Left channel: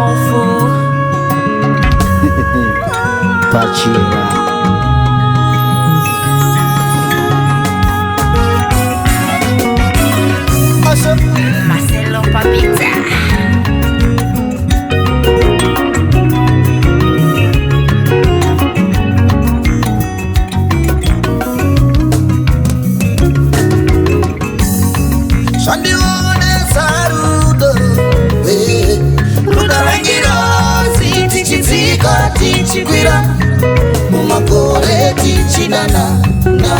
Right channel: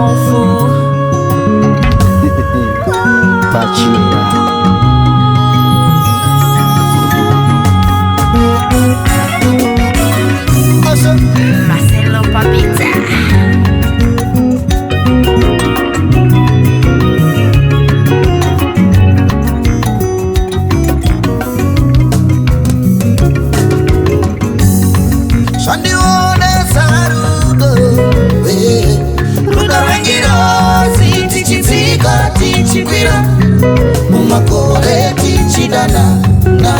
Mhofu. Pah Chihera. Maselo papita. Shandionesa rudo, rudo rwengirozi, tichidzika tichikwira, mumakore tichinana na.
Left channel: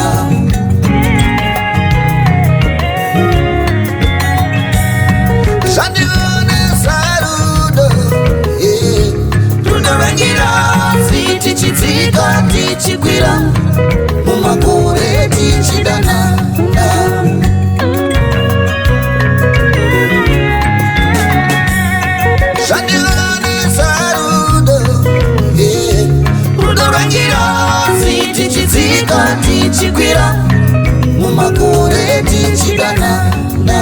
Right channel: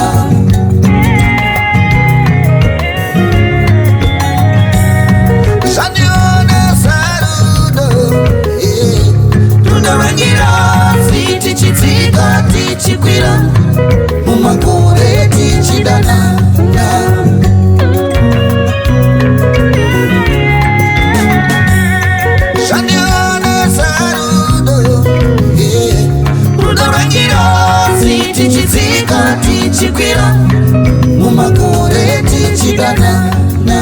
Shandionesa rudo, rudo rwengirozi, tichidzika tichikwira, mumakore tichinana na. Tichidzika tichikwira, mumakore tichidana na.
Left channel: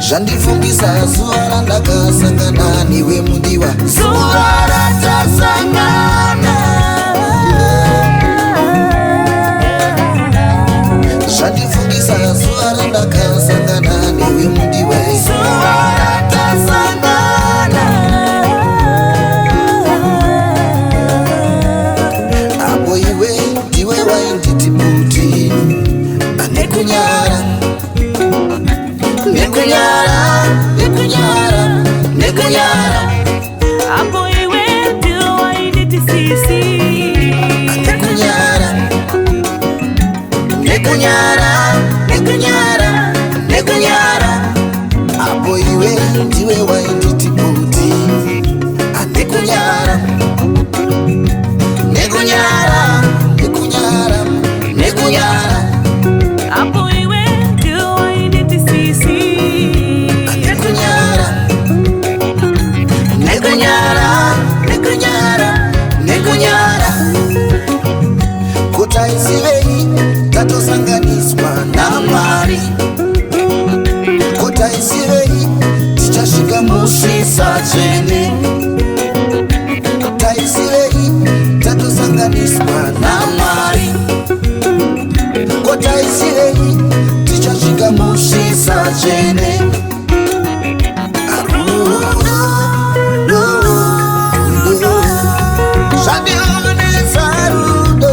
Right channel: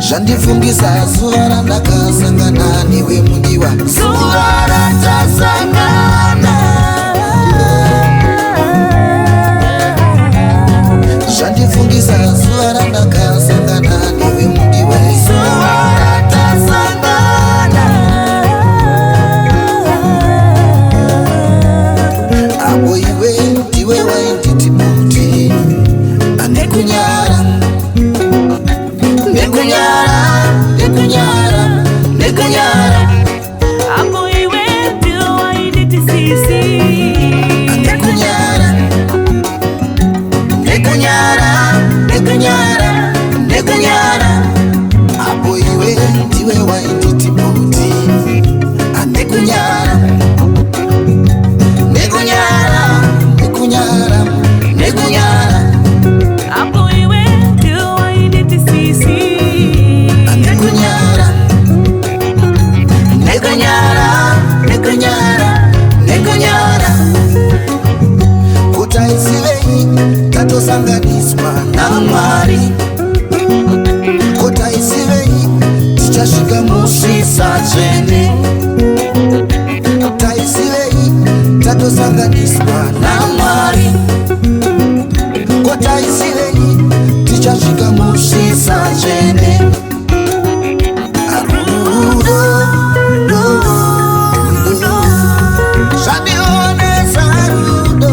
Zvandifumbisa zuva randakasangana newe mudiwa, zuva ratasangana. Zvandifungisa zuva randakasangana newe mudiwa, zuva ratasangana. Apo iwe ndiwe wainditi buti, anekunyara nekunyara nekunyara nekunyara. Apo iwe ndiwe wainditi sisi, nekunyara nekunyara nekunyara nekunyara. Apo iwe ndiwe wainditi buti, anekunyara nekunyara nekunyara nekunyara. apo iwe ndiwe wainditi sisi, nekunyara nekunyara nekunyara nekunyara. Kutaisivei tatosanganiswa na Mwari, kutaisivei tichasvika musvisa tsvene, kutaisivei tatosanganiswa na Mwari, kutaisivei tichasvika musvisa tsvene. Zvandionesa rudo,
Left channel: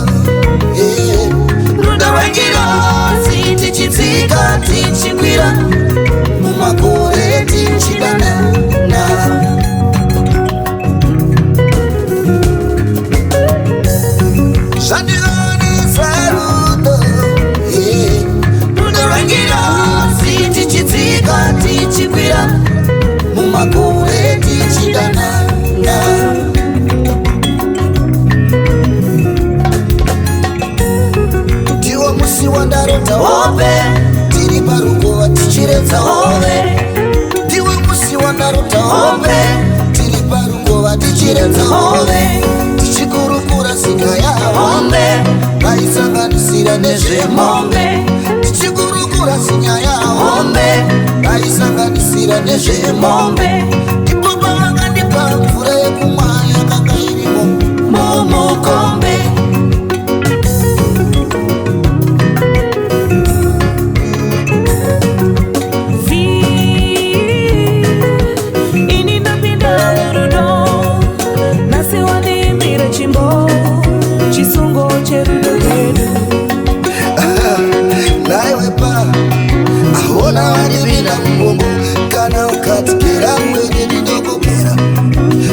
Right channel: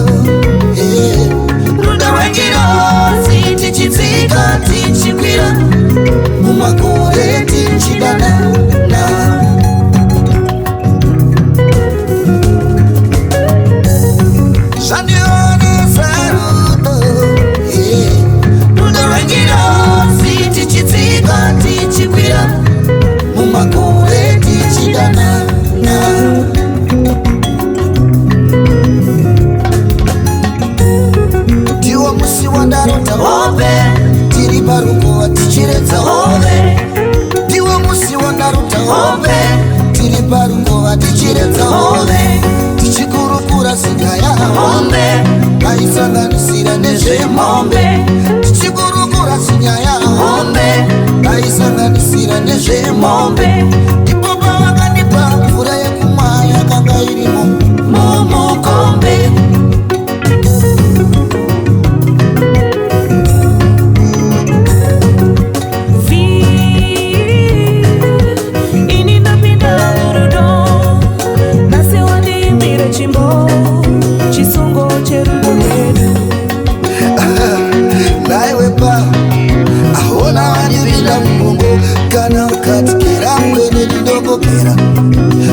rudo rwengirozi, tichidzika tichikwira, mumakore tichidana na. Zvandionesa rudo, rudo rwengirozi, tichidzika tichikwira, mumakore tichidana na. Ndiwo musi wandarota hope, tiri parukova tichiredza hove. Ndiwo musi wandarota hope, tiri parukova tichiredza hove. Tichikurukura sinyaya hombe, ngaisanganisira nezvemombe. Tichikurukura sinyaya hombe, ngaisanganisira nezvemombe. Ndipo pavakandipa mvura yekumwa yakanga irimo mumukombe. Chimbo chisungo cherudo rwedu. Naiwe pa ahona wanipinda mumongo, kana ukatikira mwene didogokera,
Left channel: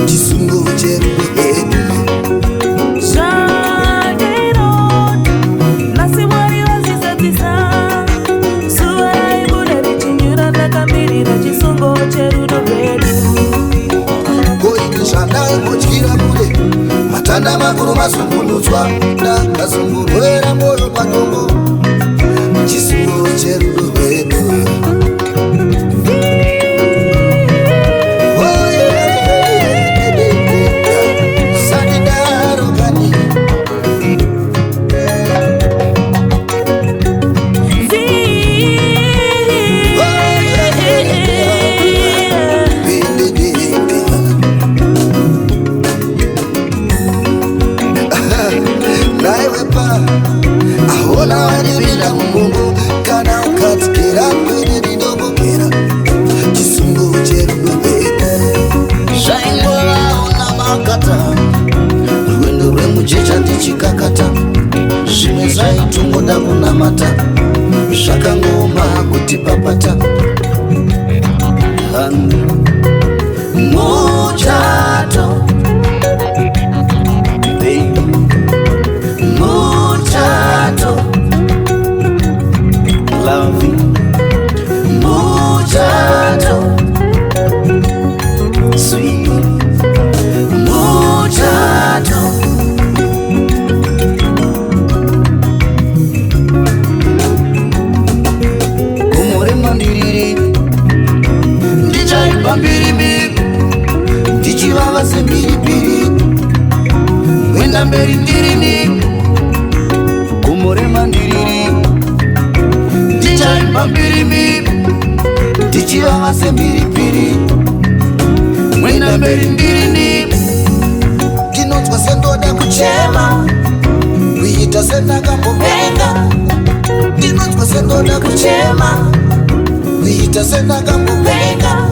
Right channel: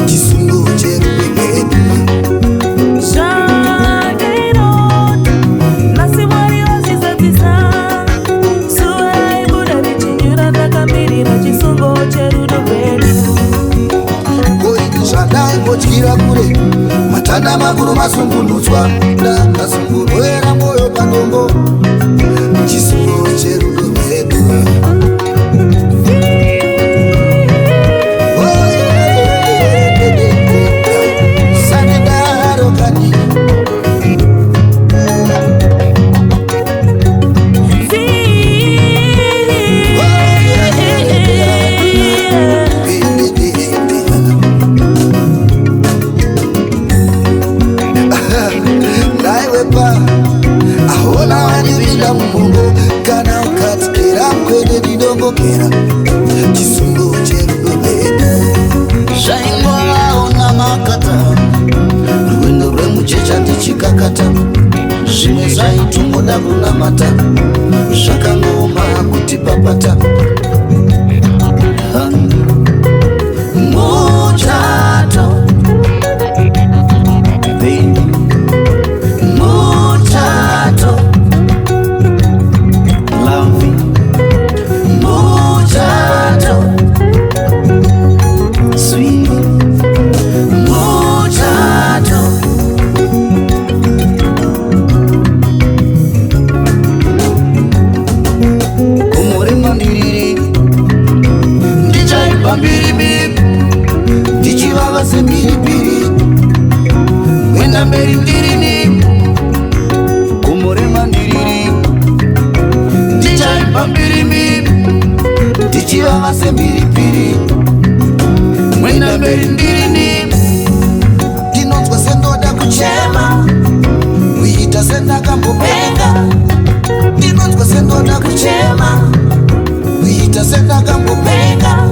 chisungo cherudo rwedu. Zvaderota nasi Mwari wazizadzisa, zuva raibuda richinyura ndakamirira chisungo cherudo rwedu. Koini zvandaimbodyiwa kure, matanda makuru masungunutswa, ndakazungurwera mwoyo padombo, chisungo cherudo rwedu. Oh, kunamata zvakangoma kuti papata muchato muchato loving muchato sweet muchato kumurema ndiriri ndichaimba mbiri ndichivava semhiripiri mwenda mberi ndirini kumurema ndiriri ndichaimba mbiri ndichivava semhiripiri mwenda mberi ndirini ndinonzwa sendoda kuchema kuita sendakambopenga ndinonzwa sendoda kuchema kuita sendakambopenga